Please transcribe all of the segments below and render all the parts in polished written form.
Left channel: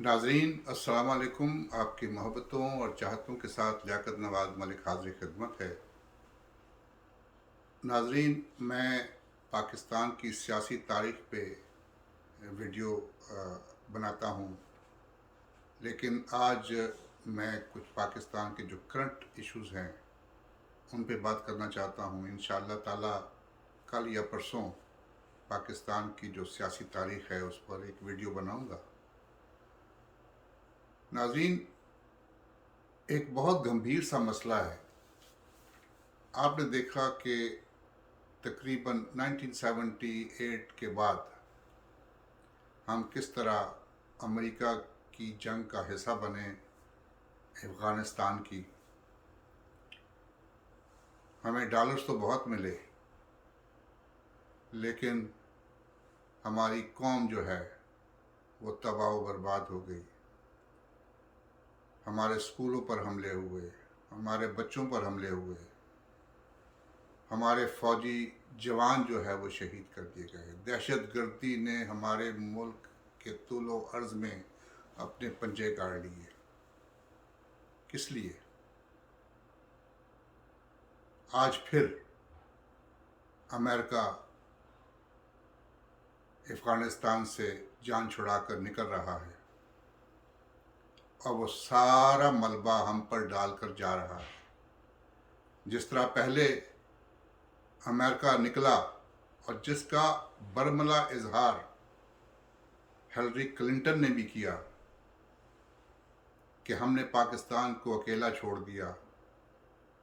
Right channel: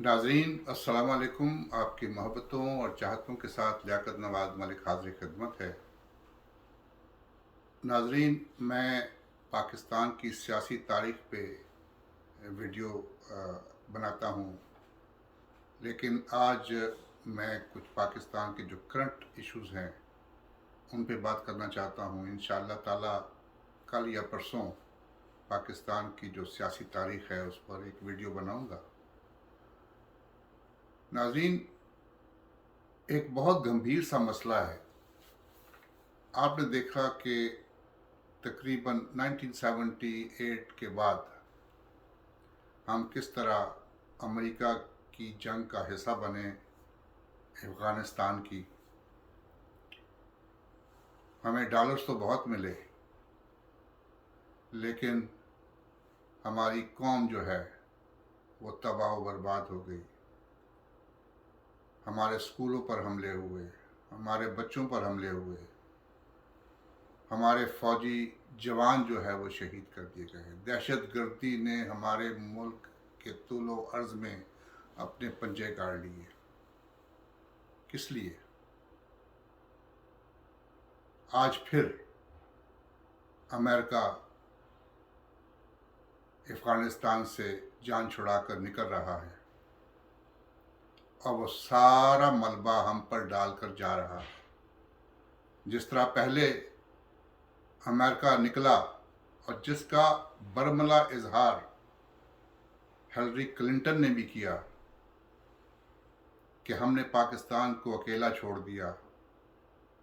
नाजरीन अस्सलाम वालेकुम। आपकी मोहब्बतों और चाहतों के साथ लियाकत नवाज मलिक हाजिर खिदमत है। नाजरीन, मैं पाकिस्तान की सियासी तारीख पे वीडियो बनाता हूँ, लेकिन आज मैं कुछ पाकिस्तान के जो करंट इश्यूज़ हैं उन पे बात करना चाहता हूँ। इंशाअल्लाह ताला कल या परसों पाकिस्तान की जो सियासी तारीख है उस पर एक वीडियो बनाऊँगा। नाजरीन, एक बहुत गंभीर सा मसला है। आपने देखा कि तकरीबन 1978 के बाद हम किस तरह अमेरिका की जंग का हिस्सा बने अफ़गानिस्तान की। हमें डॉलर्स तो बहुत मिले, लेकिन हमारी कौम जो है वो तबाह व बर्बाद हो गई। हमारे स्कूलों पर हमले हुए, हमारे बच्चों पर हमले हुए, हमारे फ़ौजी जवान जो है वो शहीद कर दिए गए। दहशत गर्दी ने हमारे मुल्क के तूलो अर्ज़ में अपने पंजे गाड़ लिए। किस लिए? आज फिर अमेरिका अफ़गानिस्तान से जान छुड़ा कर निकल रहा है और वो सारा मलबा हम पर डालकर जा रहा है। जिस तरह पहले अमेरिका निकला और जिसका बरमला इजहार हिलरी क्लिंटन ने भी किया कि हमने पाकिस्तान को अकेला छोड़ दिया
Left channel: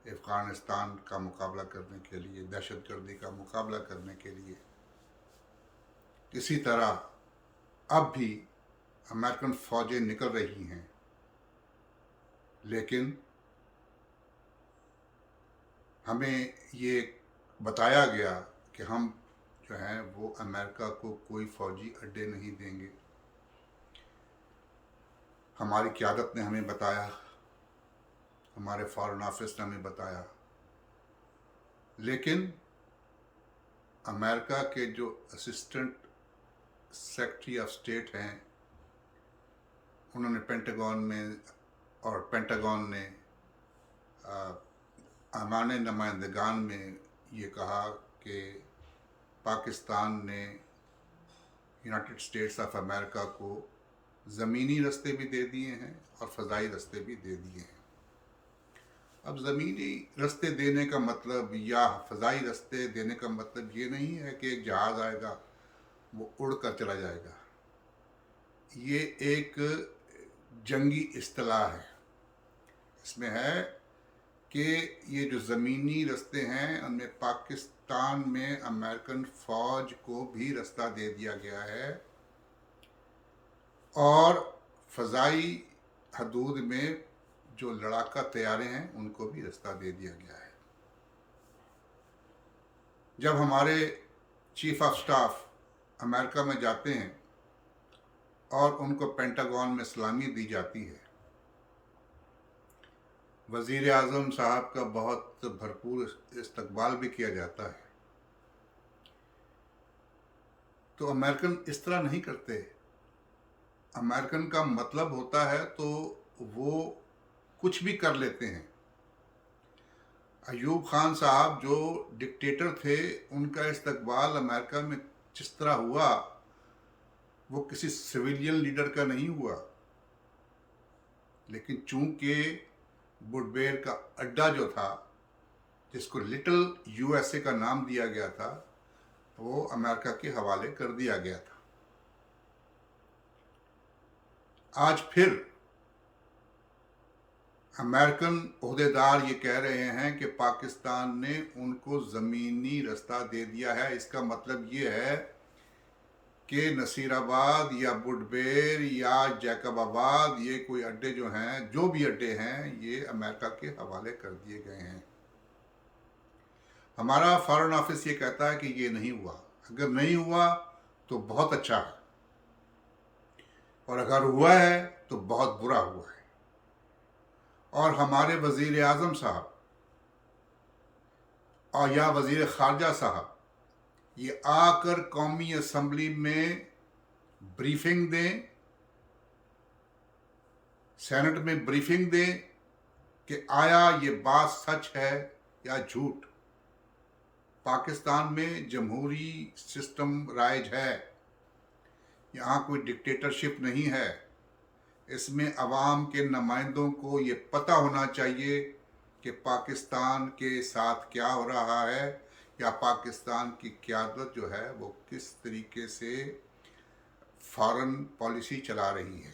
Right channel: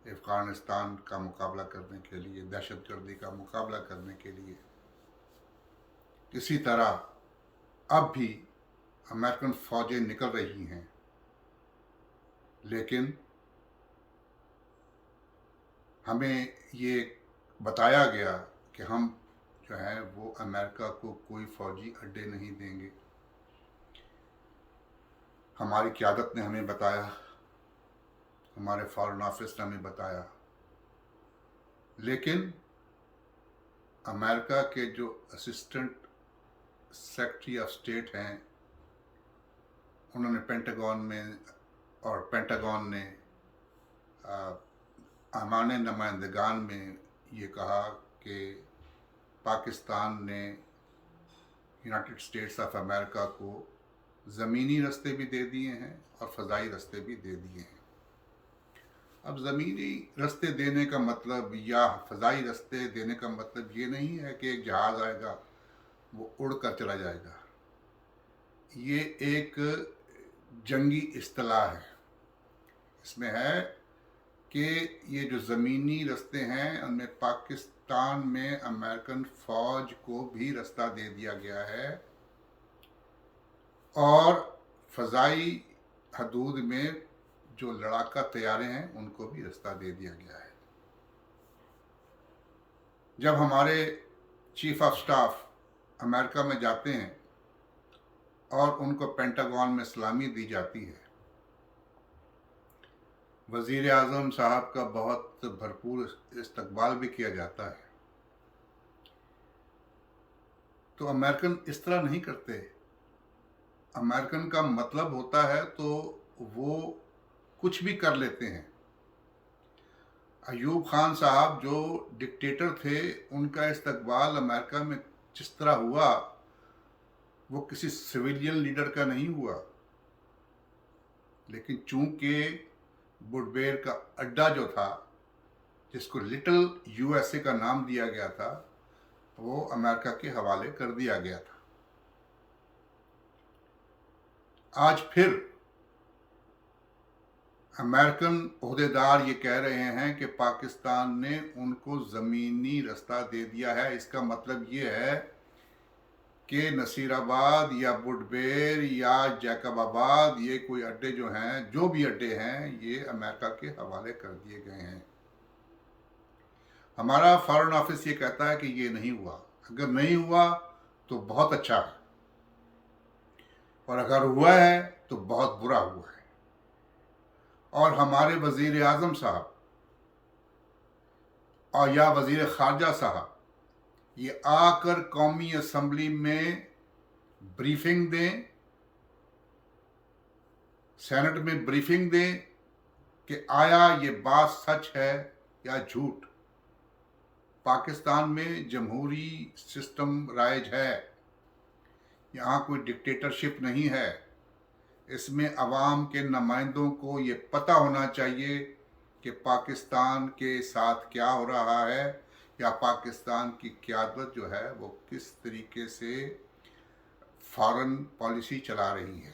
अफ़गानिस्तान का मुकाबला करने के लिए, दहशत गर्दी का मुकाबला करने के लिए। इसी तरह अब भी अमेरिकन फ़ौजें निकल रही हैं, लेकिन हमें ये बताया गया कि हम जो हैं वो अमेरिका को कोई फ़ौजी अड्डे नहीं देंगे। हमारी क़यादत ने हमें बताया, हमारे फ़ॉरेन ऑफिस ने हमें बताया, लेकिन अमेरिका के जो असिस्टेंट सेक्रेटरी ऑफ स्टेट हैं, उन्होंने पेंटागन ने अमाने नुमाइंदगान में ये कहा कि पाकिस्तान ने यूनाइटेड स्टेट्स ऑफ अमेरिका को ज़मीनी रास्ते भी दे दिए हैं और फ़ज़ाई रास्ते भी दे दिए हैं। अब ज़मीनी रास्ते देने का मतलब या फ़ज़ाई रास्ते देने का मतलब ये नहीं है कि एक जहाज़ आएगा वो उड़ कर चला जाएगा। ये एक जंगी इस्तिलाह है। इसमें है कि ये जो ज़मीनी रास्ते हैं उनमें पाकिस्तान में अमेरिकन फ़ौज को भी रास्ता दे दिया गया है और फ़ज़ाई हदूद में जो लड़ाका तैयारे हैं उनको भी रास्ता दे दिया गया है। जब हमारे चीफ ऑफ स्टाफ अमेरिका में जाते हैं और उनको पेंटागन में सलामी दी जाती है, वज़ीर आज़म साहब का बहुत भरपूर इस्तकबाल भी किया जाता है, तो अमेरिकन इस तरह नहीं करते। अमेरिकन का मतलब होता है तो वो कुछ भी कर लेते हैं। अयूब खान साहब जो डिक्टेटर थे, उनका इस्तकबाल अमेरिका में जिस तरह हुआ वो किसी सिविलियन लीडर का नहीं हुआ, लेकिन चूंकि बुडबेर का अड्डा जो था, जिसको लिटिल यूएसए का नाम दिया गया था, वो अमेरिका के हवाले कर दिया गया था। आज फिर अमेरिकन ओहदेदार ये कह रहे हैं कि पाकिस्तान ने उनको ज़मीनी रास्ता दे दिया है। इसका मतलब ये है कि नसीराबाद या बुडबेर या जैकबाबाद, ये कोई अड्डे जो हैं, जो भी अड्डे हैं, ये अमेरिका के हवाले कर दिए गए हैं। हमारा फॉरेन ऑफिस ये कहता है कि ये नहीं हुआ। अगर नहीं हुआ तो बहुत अच्छा है, और अगर हुआ है तो बहुत बुरा हुआ है। और हमारे वज़ीर आज़म साहब और या वज़ीर ख़ारजा साहब ये आकर कौमी असम्बली में ब्रीफिंग दें सेनेट में ब्रीफिंग दें कि आया ये बात सच है या झूठ। पाकिस्तान में जमहूरी सिस्टम राइज है, यहाँ कोई डिक्टेटरशिप नहीं है। इसमें अवाम के नुमाइंदों को ये पता होना चाहिए कि पाकिस्तान के साथ क्या हो रहा है, या पाकिस्तान की क़यादत जो है वो किस तरीके से फॉरेन पॉलिसी चला रही है।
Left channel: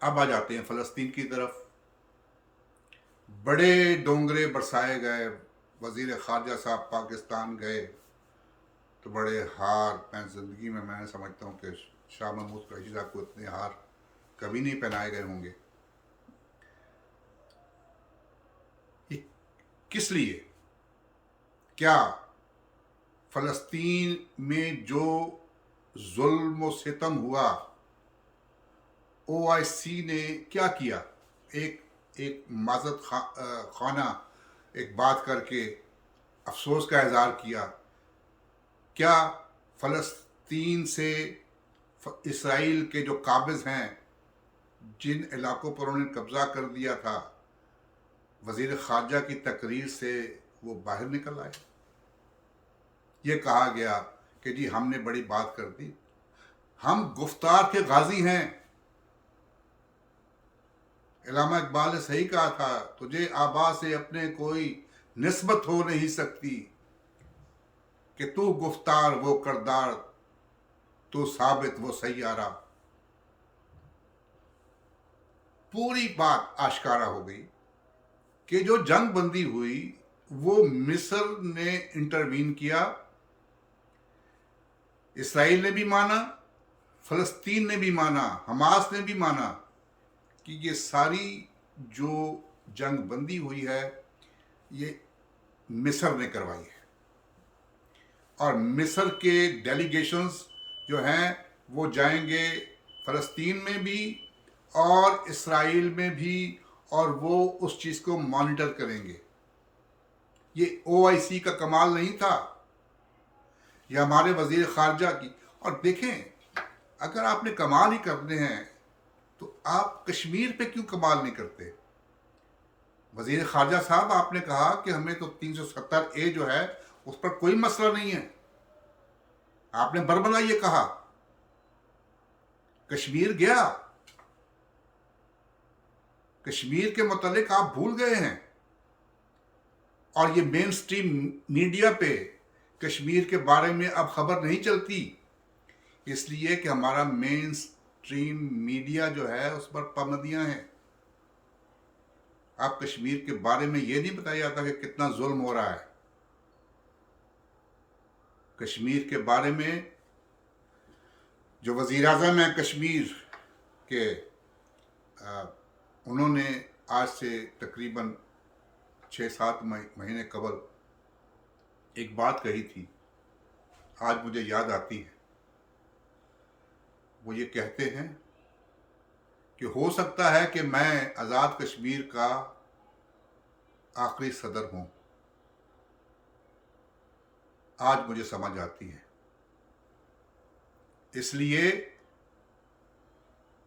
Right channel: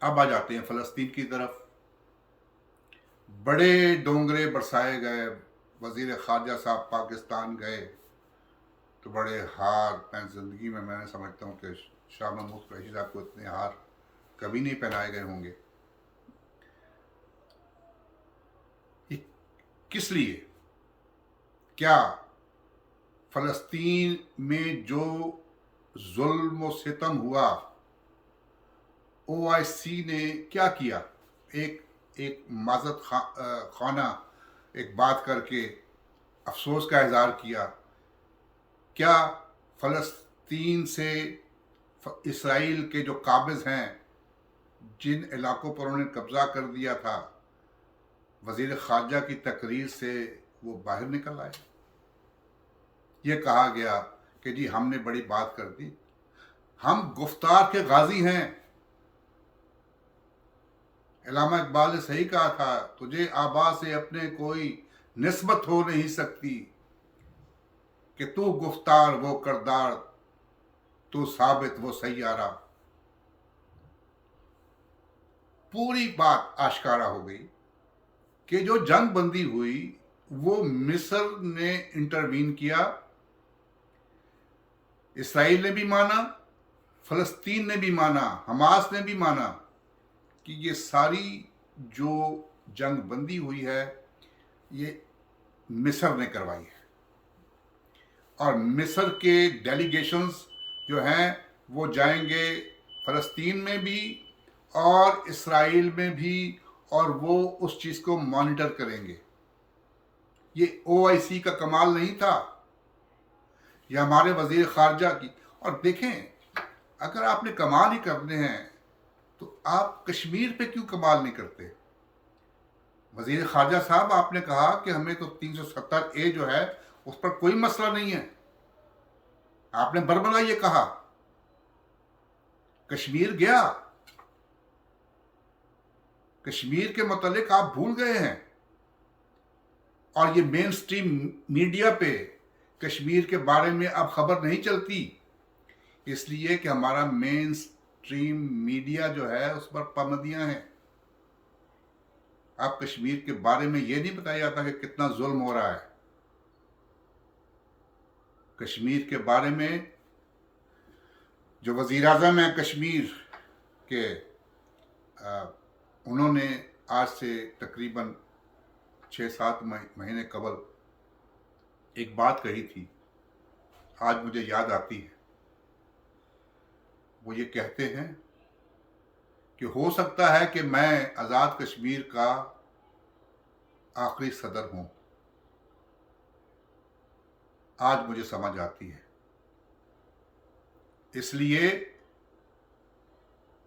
अब आ जाते हैं फ़लस्तीन की तरफ। बड़े डोंगरे बरसाए गए। वज़ीर ख़ारजा साहब पाकिस्तान गए तो बड़े हार, मैं ज़िंदगी में मैं समझता हूँ कि शाह महमूद कुरैशी साहब को इतने हार कभी नहीं पहनाए गए होंगे। ये किस लिए? क्या फ़लस्तीन में जो जुल्म व सितम हुआ, OIC ने क्या किया? एक माज़रत खाना एक बात करके अफसोस का इज़हार किया। क्या फ़लस्तीन से इसराइल के जो काबिज़ हैं, जिन इलाकों पर उन्होंने कब्ज़ा कर दिया था, वज़ीर ख़ारजा की तकरीर से वो बाहर निकल आए? ये कहा गया कि जी हमने बड़ी बात कर दी। हम गुफ्तार के गाजी हैं। इल्लामा इकबाल ने सही कहा था, तुझे आबा से अपने कोई निस्बत हो नहीं सकती, कि तू गुफ्तार वो करदार, तू साबित वो सैयारा। पूरी बात आश्कारा हो गई कि जो जंग बंदी हुई वो मिस्र ने इंटरवीन किया, इसराइल ने भी माना, फ़लस्तीन ने भी माना, हमास ने भी माना कि ये सारी जो जंग बंदी हुई है ये मिस्र ने करवाई है। और मिस्र के डेलीगेशंस जो हैं वो जाएंगे फ़लस्तीन में भी और इसराइल में भी, और वो उस चीज़ को मॉनिटर करेंगे। ये OIC का कमाल नहीं था, ये हमारे वज़ीर ख़ारजा की। और देखें, अगर आपने कमाल ही करने हैं तो आप कश्मीर पे क्यों कमाल नहीं करते? वज़ीर ख़ारजा साहब, आपने कहा कि हमें तो 370A जो है उस पर कोई मसला नहीं है। आपने बरबला ये कहा। कश्मीर गया, कश्मीर के मुतालिक आप भूल गए हैं, और ये मेन स्ट्रीम मीडिया पे कश्मीर के बारे में अब खबर नहीं चलती, इसलिए कि हमारा मेन स्ट्रीम मीडिया जो है उस पर पाबंदियां हैं। आप कश्मीर के बारे में ये नहीं बताया जाता कि कितना जुल्म हो रहा है। कश्मीर के बारे में जो वज़ीर आज़म हैं कश्मीर के, उन्होंने आज से तकरीबन 6-7 महीने कबल एक बात कही थी, आज मुझे याद आती है। वो ये कहते हैं कि हो सकता है कि मैं आज़ाद कश्मीर का आखिरी सदर हूँ। आज मुझे समझ आती है, इसलिए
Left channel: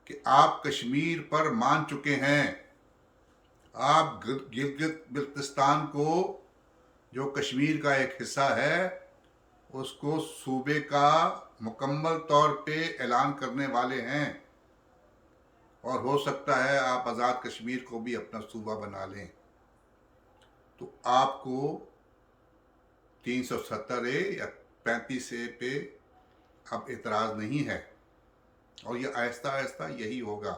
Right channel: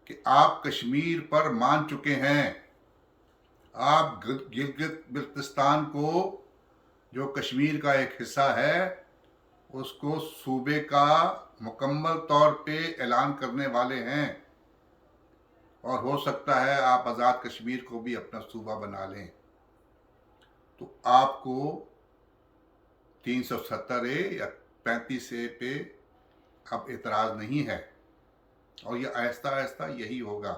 कि आप कश्मीर पर मान चुके हैं। आप गिलगित बिल्तिस्तान को, जो कश्मीर का एक हिस्सा है, उसको सूबे का मुकम्मल तौर पे ऐलान करने वाले हैं, और हो सकता है आप आज़ाद कश्मीर को भी अपना सूबा बना लें। तो आपको 370A या 35A पे अब एतराज़ नहीं है, और ये आहिस्ता आहिस्ता यही होगा।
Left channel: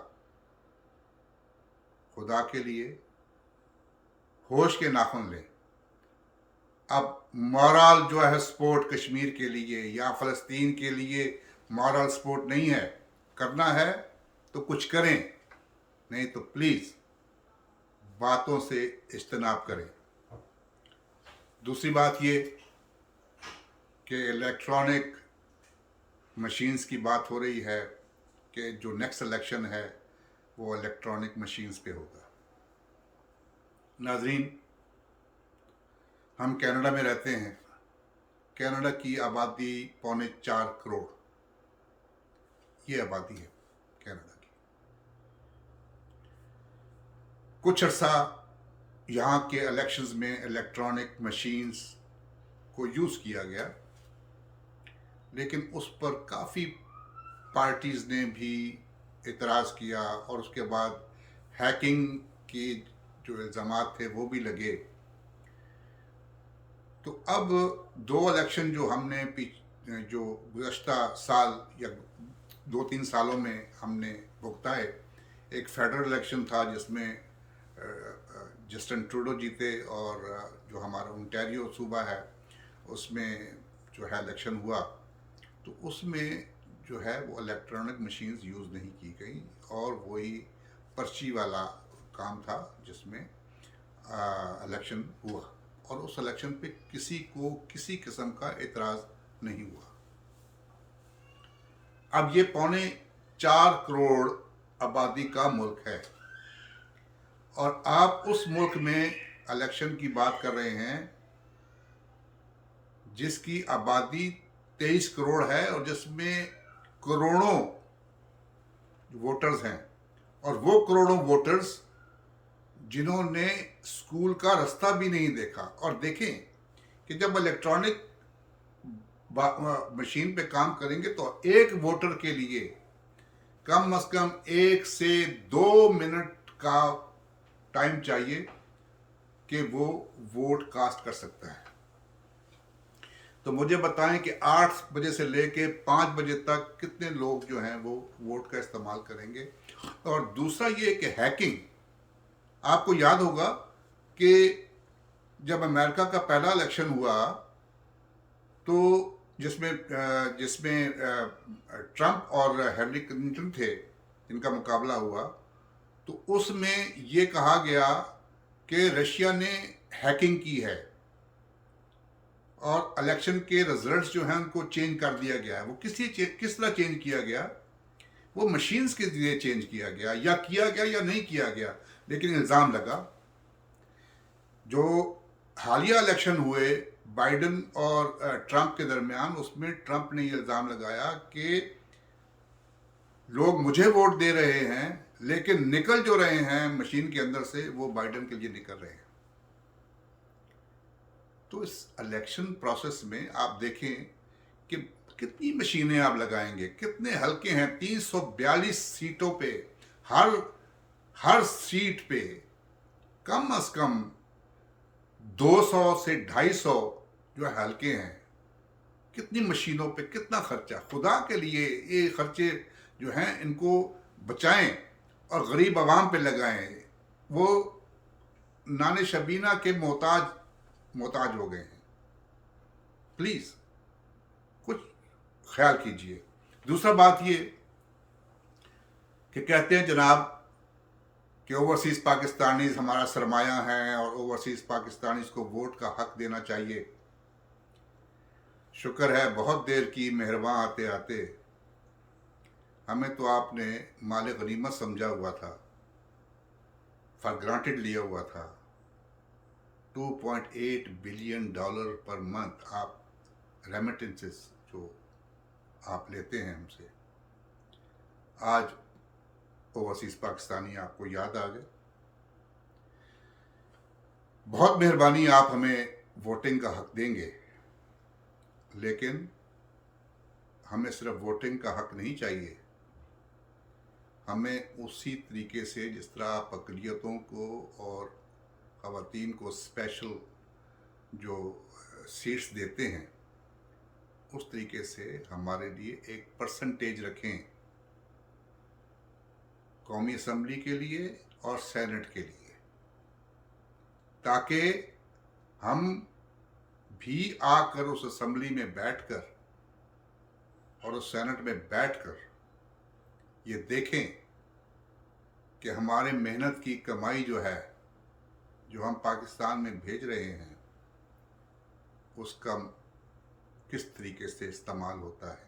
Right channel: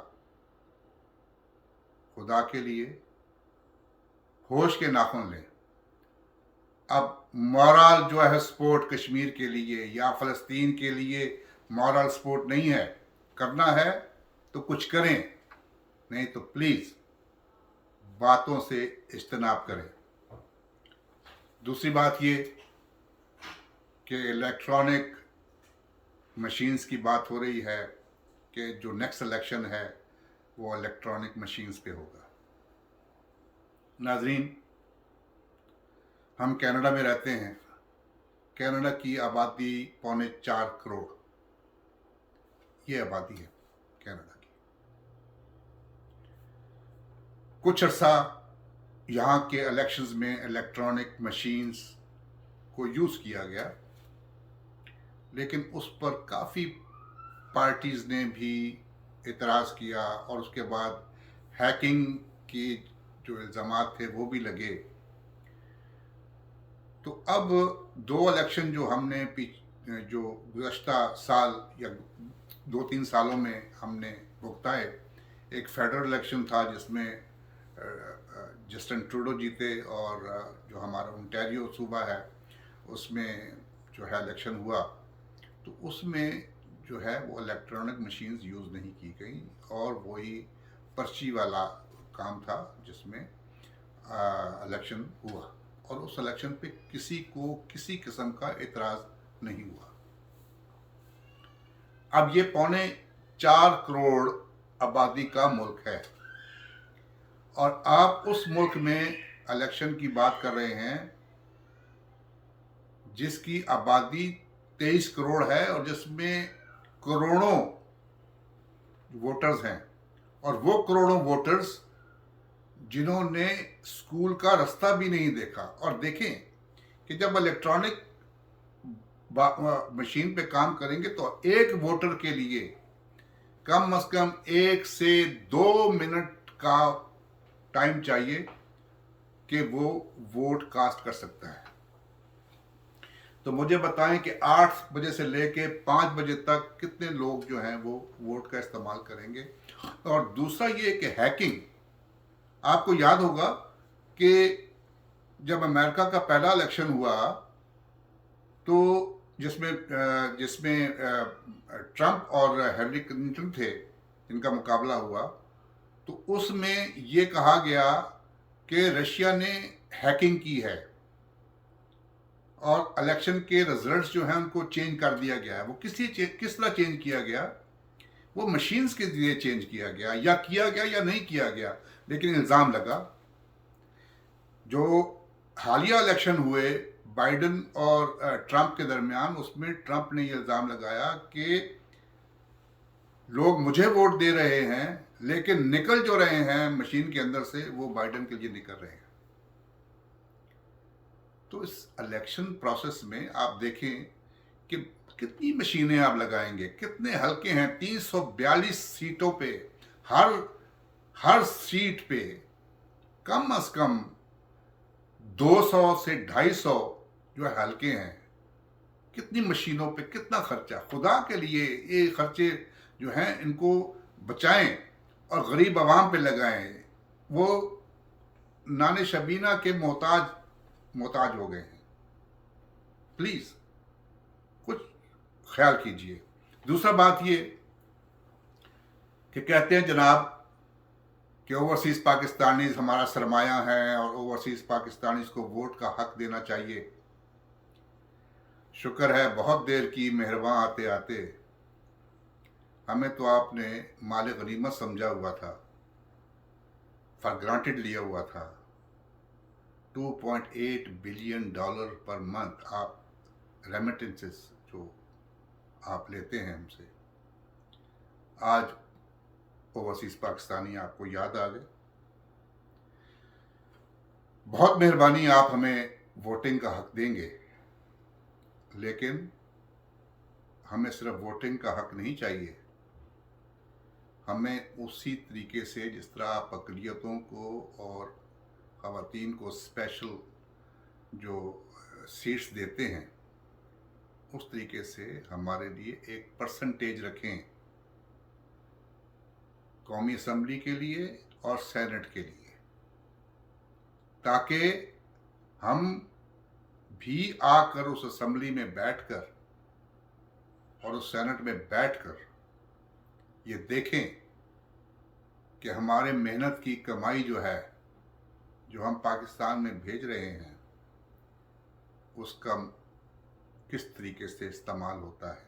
खुदा के लिए होश के नाखून लें। अब मॉरल जो है सपोर्ट कश्मीर के लिए या फ़लस्तीन के लिए मॉरल सपोर्ट नहीं है। करना है तो कुछ करें, नहीं तो प्लीज़ बातों से इज्तनाब करें। दूसरी बात ये कि इलेक्ट्रॉनिक मशीन्स की बात हो रही है कि जो नेक्स्ट इलेक्शन है वो इलेक्ट्रॉनिक मशीन्स पे होगा। नाज़रीन, हम कनाडा में रहते हैं। कनाडा की आबादी 3.25 करोड़, ये आबादी है कनाडा की। कुछ अरसा यहाँ के इलेक्शंस में इलेक्ट्रॉनिक मशीन्स को यूज़ किया गया, लेकिन उस पर काफ़ी पार्टीज़ ने भी इतराज़ किया और उसके बाद हैकिंग के जो इल्ज़ामात थे वो भी लगे। तो अब 2 इलेक्शन जो हमने जो गुज़श्ता साल या 2-3 सालों में हमने भुगताए, एक फेडरल इलेक्शन था जिसमें जस्टिन ट्रूडो जीते, और जो हमारा ओंटारियो सूबा है उसमें जो है इलेक्शन हुआ, तो उसमें जो है वो इलेक्ट्रॉनिक मशीन्स यूज़ नहीं की गई और वही पर्ची वाला काम था जिसमें इलेक्शन हुआ, और उस इलेक्शन पे किसी को किसी किस्म का एतराज़ नहीं हुआ। अब ये 4.25 करोड़ आबादी का मुल्क है और आप उस मुल्क में इलेक्शन की बात कर रहे हैं जिसकी आबादी 23 करोड़ है और जिसमें करोड़ों वोटर्स हैं, और वो करोड़ों वोटर्स जिन्होंने स्कूल का रास्ता भी नहीं देखा। और देखें कि जब इलेक्ट्रॉनिक मशीन पे काम करेंगे तो एक वोटर के लिए कम से कम 1 से 2 मिनट का टाइम चाहिए कि वो वोट कास्ट कर सकता है। तो मुझे बताएं कि 8 बजे से लेके 5 बजे तक कितने लोग जो हैं वो वोट का इस्तेमाल करेंगे। और दूसरा ये कि हैकिंग, आपको याद होगा कि जब अमेरिका का पहला इलेक्शन हुआ तो जिसमें ट्रंप और हिलरी क्लिंटन थे जिनका मुकाबला हुआ, तो उसमें ये कहा गया कि रशिया ने हैकिंग की है और इलेक्शन के रिजल्ट्स जो हैं उनको चेंज कर दिया गया है। वो किस तरह चेंज किया गया? वो मशीन्स के जरिए चेंज किया गया या नहीं किया गया, लेकिन इल्ज़ाम लगा। जो हालिया इलेक्शन हुए बाइडन और ट्रंप के दरमियान, उसमें ट्रंप ने ये इल्ज़ाम लगाया कि लोग मुझे वोट दे रहे हैं लेकिन निकल जो रहे हैं मशीन के अंदर से वो बाइडन के लिए निकल रहे हैं। तो इस इलेक्शन प्रोसेस में आप देखें कि कितनी मशीनें आप लगाएंगे, कितने हल्के हैं। 342 सीटों पे हर सीट पे कम से कम 200 से 250 जो हल्के हैं। कितनी मशीनों पे कितना खर्चा, खुदा के लिए ये खर्चे जो हैं इनको बचाएं और गरीब आवाम पे लगाएं। वो नाने शबीना के मोहताज हो गए हैं। प्लीज़ कुछ ख्याल कीजिए। दूसरा बात ये कि कहते हैं जनाब कि ओवरसीज़ पाकिस्तानीज़ हमारा सरमाया है और ओवरसीज़ पाकिस्तानीज़ को वोट का हक देना चाहिए। शुक्र है बहुत देर की मेहरबान आते आते। हमें तो आपने माल गनीमत समझा हुआ था, फॉर ग्रांटेड लिया हुआ था। $2.8 बिलियन पर मंथ आप रेमिटेंसेस जो आप लेते हैं हमसे, आज ओवरसीज़ पाकिस्तानी आपको याद आ गए। बहुत मेहरबानी, आप हमें वोटिंग का हक देंगे, लेकिन हमें सिर्फ वोटिंग का हक नहीं चाहिए। हमें उसी तरीके से जिस तरह आप अक़लियतों को और ख़वातीन को स्पेशल जो सीट्स देते हैं, उस तरीके से हमारे लिए एक परसेंटेज रखें कौमी असम्बली के लिए और सेनेट के लिए, ताकि हम भी आकर उस असम्बली में बैठकर और उस सेनेट में बैठकर ये देखें कि हमारे मेहनत की कमाई जो है, जो हम पाकिस्तान में भेज रहे हैं, उसका किस तरीके से इस्तेमाल होता है।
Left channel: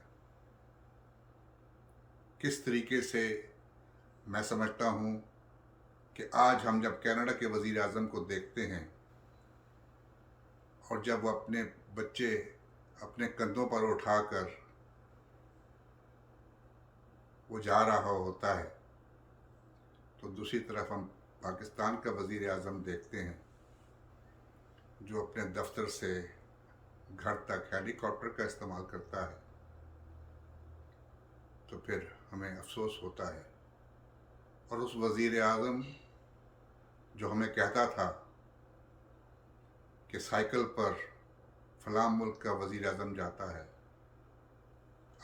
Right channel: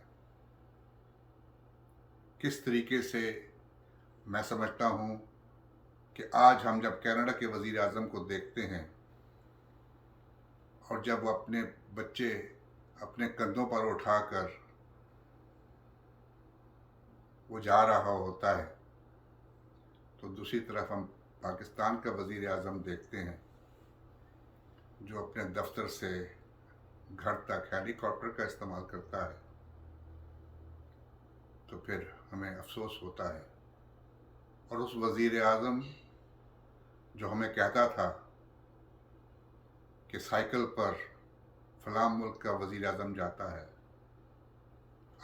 किस तरीके से मैं समझता हूँ कि आज हम जब कनाडा के वज़ीर आज़म को देखते हैं और जब वो अपने बच्चे अपने कंधों पर उठाकर वो जा रहा होता है, तो दूसरी तरफ हम पाकिस्तान का वज़ीर आज़म देखते हैं जो अपने दफ्तर से घर तक हेलीकॉप्टर का इस्तेमाल करता है, तो फिर हमें अफसोस होता है। और उस वज़ीर आज़म जो हमें कहता था कि साइकिल पर फलां मुल्क का वज़ीर आज़म जाता है,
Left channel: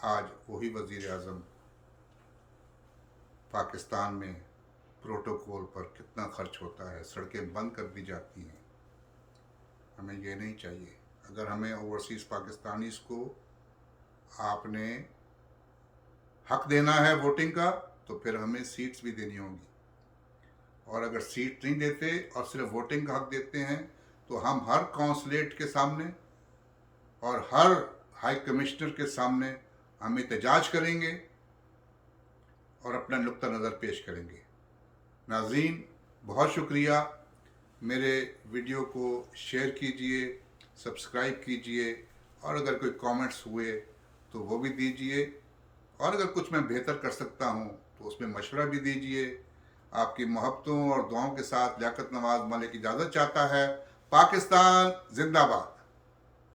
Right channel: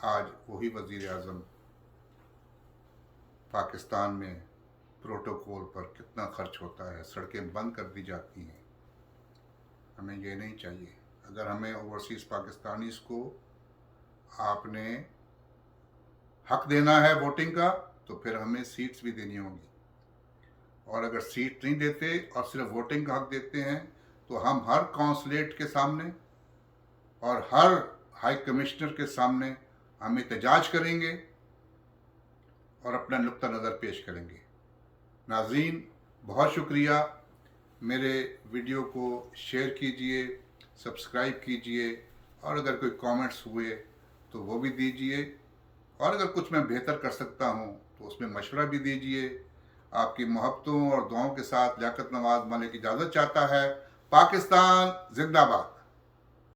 आज वही वज़ीर आज़म पाकिस्तान में प्रोटोकॉल पर कितना खर्च होता है, सड़कें बंद कर दी जाती हैं। हमें ये नहीं चाहिए। अगर हमें ओवरसीज़ पाकिस्तानीज़ को आपने हक देना है वोटिंग का, तो फिर हमें सीट्स भी देनी होंगी। और अगर सीट नहीं देते और सिर्फ वोटिंग का हक देते हैं, तो हम हर कौंसलेट के सामने और हर हाई कमिश्नर के सामने हम एहतजाज करेंगे और अपना नुक्ता नज़र पेश करेंगे। नाज़रीन, बहुत शुक्रिया। मेरे वीडियो को शेयर कीजिए, सब्सक्राइब कीजिए, और अगर कोई कमेंट्स हुए तो वो भी दीजिए, और अगर कुछ मैं बेहतर कर सकता हूँ तो उसमें मशवरा भी दीजिए। आपकी मोहब्बतों और दुआओं के साथ लियाकत नवाज़ मलिक इजाज़त चाहता है। पाकिस्तान जिंदाबाद।